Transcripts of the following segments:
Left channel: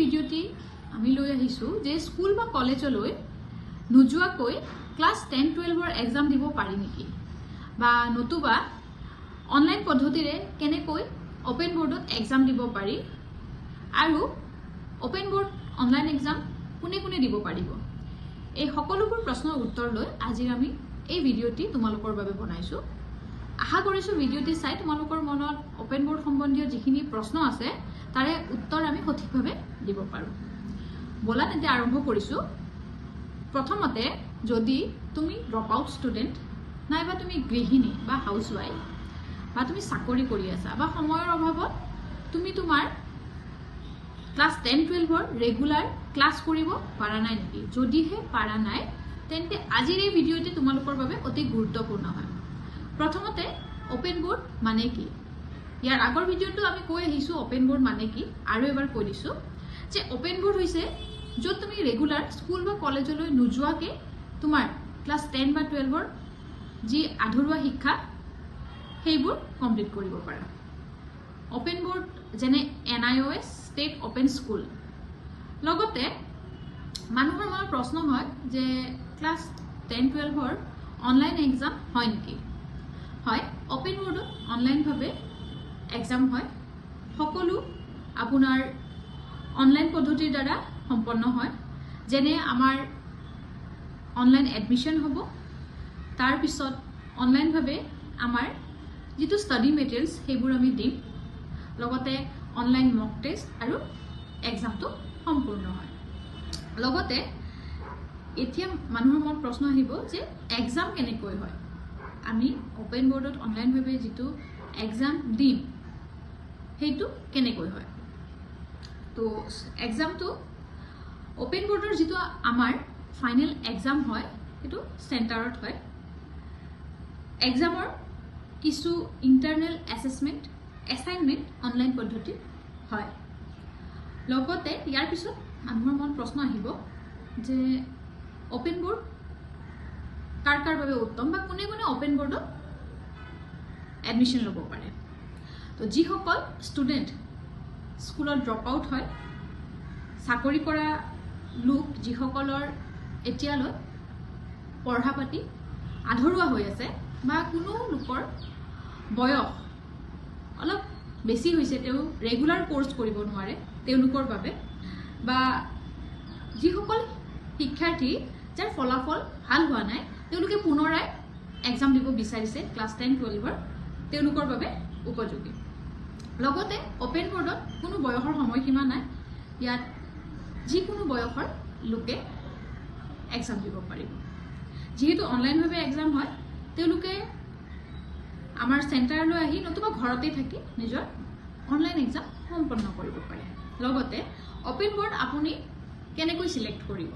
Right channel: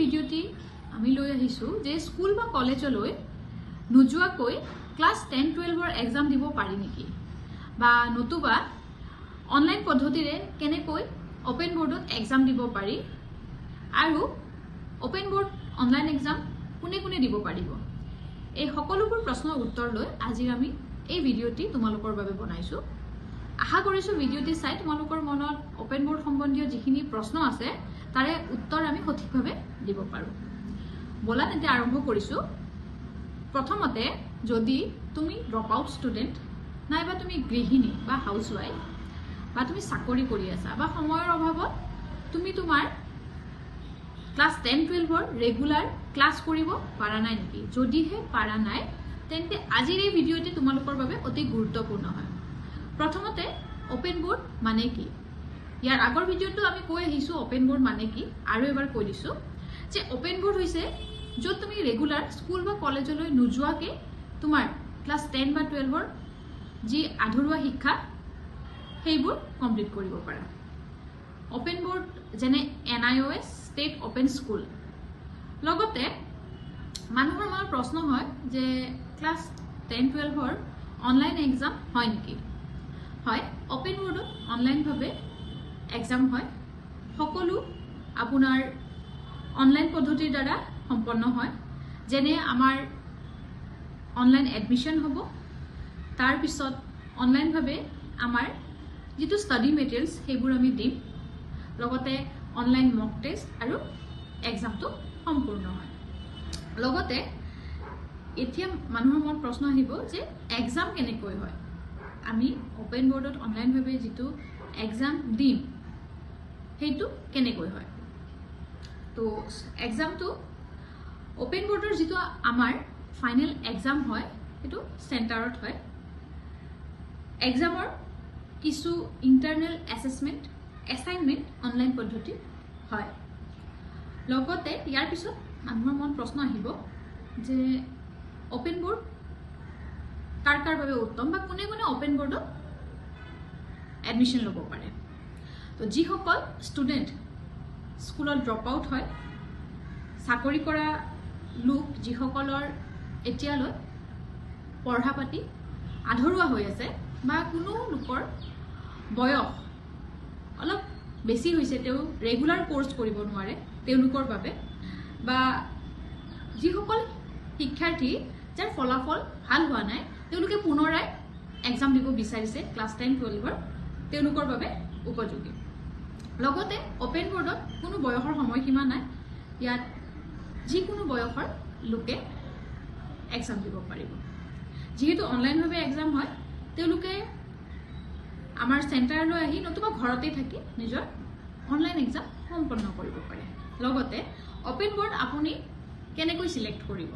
ভিডিওটি আমি লৈ আহিছো যে স্কুল বা কলেজলৈ নুজুৱাকৈ ক্লাস 10-12 এক্সাম দিব পাৰি নেকি বা নতুবা অনলাইন পদ্ধতিৰে কেনেকৈ ওপেন বোৰ্ডত এক্সাম দিব পাৰি আৰু ওপেন বোৰ্ড অনলাইন এক্সাম কোনে কোনে দিব পাৰিব এই সকলোবোৰ প্ৰশ্নৰ উত্তৰ লৈ আজি আমি এই ভিডিওটি তোমালোকৰ বাবে বনাইছো আশা কৰিছো ভিডিওটি চাই তোমালোকৰ মনত ওপেন বোৰ্ড সম্বন্ধীয় যিখিনি প্ৰশ্ন আছে তাৰে উত্তৰ আমি সঠিকভাৱে দিব পাৰো বলা তেন্তে আৰম্ভ কৰিছো প্ৰথমতে যদি তুমি ড্ৰপ আউট ষ্টুডেন্ট নাইবা তুমি গৃহিণী বা হাউসৱাইফ বা তুমি চাকৰি কৰি আছা বা সময়ৰ অভাৱত তুমি তোমাৰ ক্লাস 10-12 ৰেগুলাৰ ক্লাস কৰিব পাৰা নাই নেকি যদিহে পাৰা নাই তেন্তে আজিৰ এই ভিডিওটি তোমালোকৰ বাবে অতি গুৰুত্বপূৰ্ণ হয় প্ৰথমতে ওপেন বোৰ্ড মানে কি ইয়াৰ আগৰ ভিডিওটো আমি কৈ আহিছো ওপেন বোৰ্ড মানে কি আৰু এবাৰ কৈ দিছো যে ওপেন বোৰ্ড হৈছে য'ত তুমি ৰেগুলাৰ স্কুল বা কলেজলৈ নুজুৱাকে তোমাৰ ক্লাস 10 বা 12 যি আধৰুৱা শিক্ষা সেইবোৰ কমপ্লিট কৰিব পাৰা ওপেন বোৰ্ড যেনে NIOS ষ্টেট ওপেন স্কুল লগতে মানুহৰ মনত প্ৰশ্ন হয় যে ক্লাস 10-12 অনলাইন এক্সাম হয় নেকি হয় ওপেন বোৰ্ডত অনলাইন ভাবে এক্সাম হয় সকলো আপোনাৰ অনলাইন পদ্ধতিৰ দ্বাৰা সম্পন্ন হয় যেনে আমাৰ অনলাইন এডমিশন হ'ব তাৰ পিছত অনলাইন ভাবে আমাৰ যেটো ষ্টাডি মেটেৰিয়েলছ সেইবোৰ আমি দিম লগতে অনলাইন মক টেষ্ট আৰু এক্সামটো সম্পূৰ্ণ হয় লগতে এতিয়া মানুহৰ মনত প্ৰশ্ন আহিব যে এক্সাম কেনেকৈ হয় আমি ওপেন বোৰ্ডত অনলাইন ভাবে যেটো এক্সাম দিম হেতু কেনেকৈ হয় তো এক্সামটো ওপেন বোৰ্ডৰ যেটো আমাৰ ফাইনেল এক্সাম হয় এটো সেন্টাৰত হয় এক্সামৰ কিছু ইন্টাৰনেল অ্যাসেসমেন্ট অ্যাসাইনমেন্ট অনলাইন পদ্ধতি হয় লগতে ইয়াৰ পিছত মানুহৰ মন প্ৰশ্ন আহিব যে ওপেন বোৰ্ড কাৰ বাবে উত্তম বা কোনে কোনে ওপেন বোৰ্ডত এডমিশন ল'ব পাৰে তো যিসকল ষ্টুডেন্ট স্কুলত ড্ৰপ আউট হয় চাকৰি কৰা লোক যিসকলৰ এতিয়ালৈ পঢ়া পাতি আধৰুৱা হৈ আছে বা কোনো লোকৰ বয়স অলপ বেছি হৈছে তেও ৰেগুলাৰ কোৰ্স কৰিব নোৱাৰে তেওঁলোকৰ বাবে বা যিসকল শিক্ষাৰ্থী যাৰ ফলাফল ভাল হোৱা নাই তেওঁলোকে পুনৰাই এক্সাম দিব বিচাৰিছে ক্লাস 10-12 তেওঁলোকৰ বাবে উপযোগী লগতে ওপেন বোৰ্ডত কোনো বয়সৰ সময়সীমা নাই ইয়াত যিকোনো বয়সৰ লোকে এক্সাম দিব পাৰিব যেহেতু অনলাইন ভাবে এক্সাম হয় তেওঁলোকে আমাৰ সেন্টাৰলৈ আহি নতুবা ঘৰতে থাকি নিজৰ অনলাইন এক্সাম সম্পন্ন কৰিব পাৰে লগতে ওপেন বোৰ্ড আপুনি কেনেকৈ সিলেক্ট কৰিব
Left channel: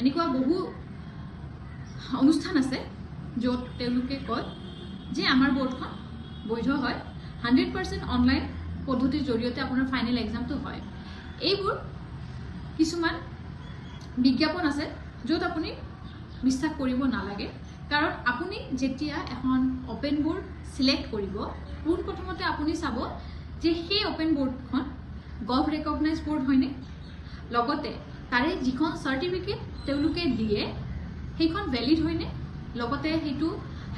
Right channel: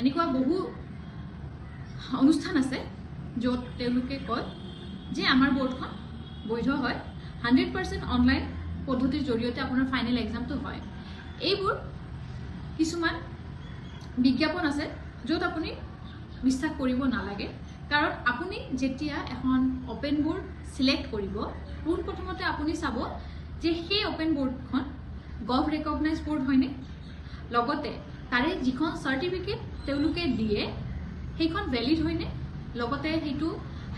এনেকুৱা বহু অনুষ্ঠান আছে য'ত তেওঁলোকে কয় যে আমাৰ বোৰ্ডখন বৈধ হয় 100% অনলাইন পদ্ধতিৰ জৰিয়তে আপোনাৰ ফাইনেল এক্সামটো হয় এইবোৰ কিছুমান বিজ্ঞাপন আছে য'ত আপুনি বিশ্বাস কৰিব নালাগে কাৰণ আপুনি যেতিয়া এখন ওপেন বোৰ্ড সিলেক্ট কৰিব পোন প্ৰথমতে আপুনি চাব যে সেই ওপেন বোৰ্ডখন গভ ৰেকগনাইজ বোৰ্ড হয়নে লগতে তাৰে যিখন সাৰ্টিফিকেট তেওঁলোকে দিয়ে সেইখন ভ্যালিড হয়নে লগতে হেতু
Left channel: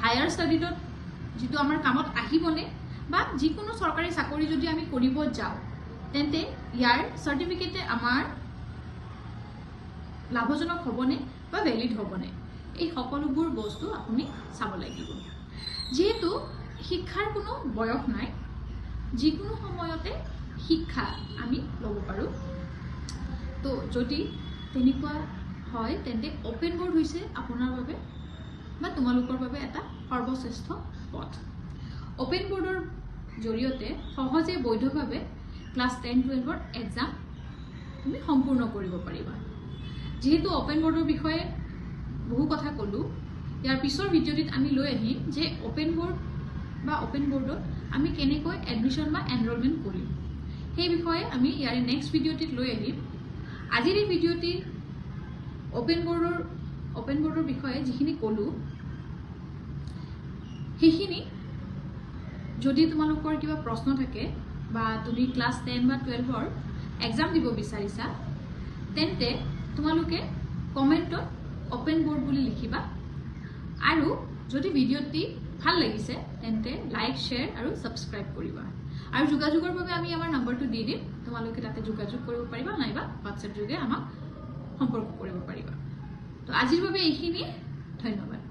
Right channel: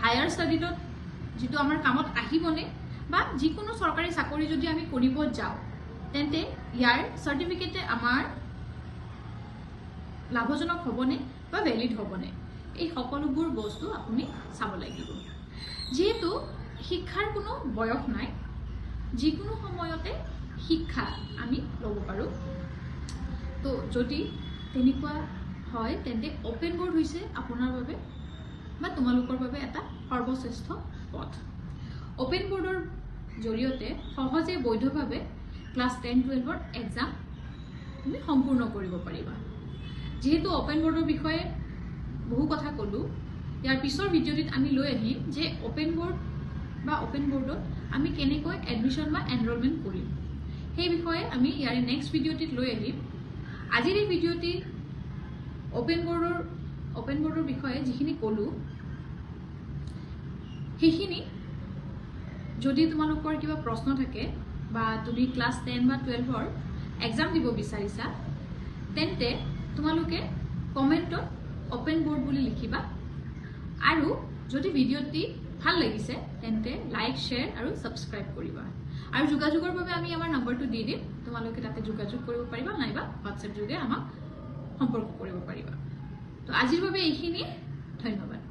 হায়াৰ ষ্টাডিত যেটো আমাৰ কামত আহিবনে বা যিকোনো সৰকাৰি চাকৰি যদি আমি কৰিব যাও তেন্তে ইয়াৰ সাৰ্টিফিকেটে আমাৰ লাভজনক হ'বনে বা ভ্যালিড হ'বনে এই সকলোবোৰ বস্তু আপুনি চাব লাগিব যেহেতু শিক্ষাৰ কোনো বয়স নাই যিকোনো সময়তে শিক্ষা আমি ল'ব পাৰো তো যদি তেনেকুৱা হয় তেন্তে ওপেন বোৰ্ড হৈছে আপোনাৰ বাবে বা তোমালোকৰ বাবে এটা সৰ্বশ্ৰেষ্ঠ পথ ওপেন বোৰ্ডৰ জৰিয়তে সহজে বৈধভাৱে ক্লাস 10-12 এক্সাম তুমি সম্পূৰ্ণ কৰিব পাৰিবা যেহেতু ওপেন বোৰ্ডৰ বিষয়ে বহু কথা কলো ইয়াৰ পিছৰ ভিডিওটিত আমি লৈ আহিম যে ওপেন বোৰ্ড বা ওপেন বোৰ্ডত আমি কেনেকৈ এডমিশন বা এনৰোলমেন্ট কৰিম সেই বিষয়ে আমি ইয়াৰ নেক্সট ভিডিওটিত লৈ আহিম আজিৰ এই ভিডিওটি ওপেন বোৰ্ডৰ বিষয়ে যিখিনি কলো সেইখিনি যদি তোমালোকৰ কিবা প্ৰশ্ন থাকে বা তুমি ক্লাস 10 বা 12 এক্সাম দিব বিচাৰিছা তেন্তে তোমালোকে কমেণ্টত অপেন বোৰ্ড বুলি লিখিবা আৰু যদি ভিডিঅ'টি ভাল লাগিছে তেন্তে লাইক শ্বেয়াৰ আৰু ছাবস্ক্ৰাইব কৰিবা আৰু যোগাযোগৰ বাবে আমি আমাৰ নম্বৰটো দি দিম তোমালোকে তাতে যোগাযোগ কৰিব পাৰিবা নাইবা হোৱাটছএপ যোগে আমাক সম্পৰ্ক কৰিব পাৰিবা তো আজিৰ বাবে এইখিনি ধন্যবাদ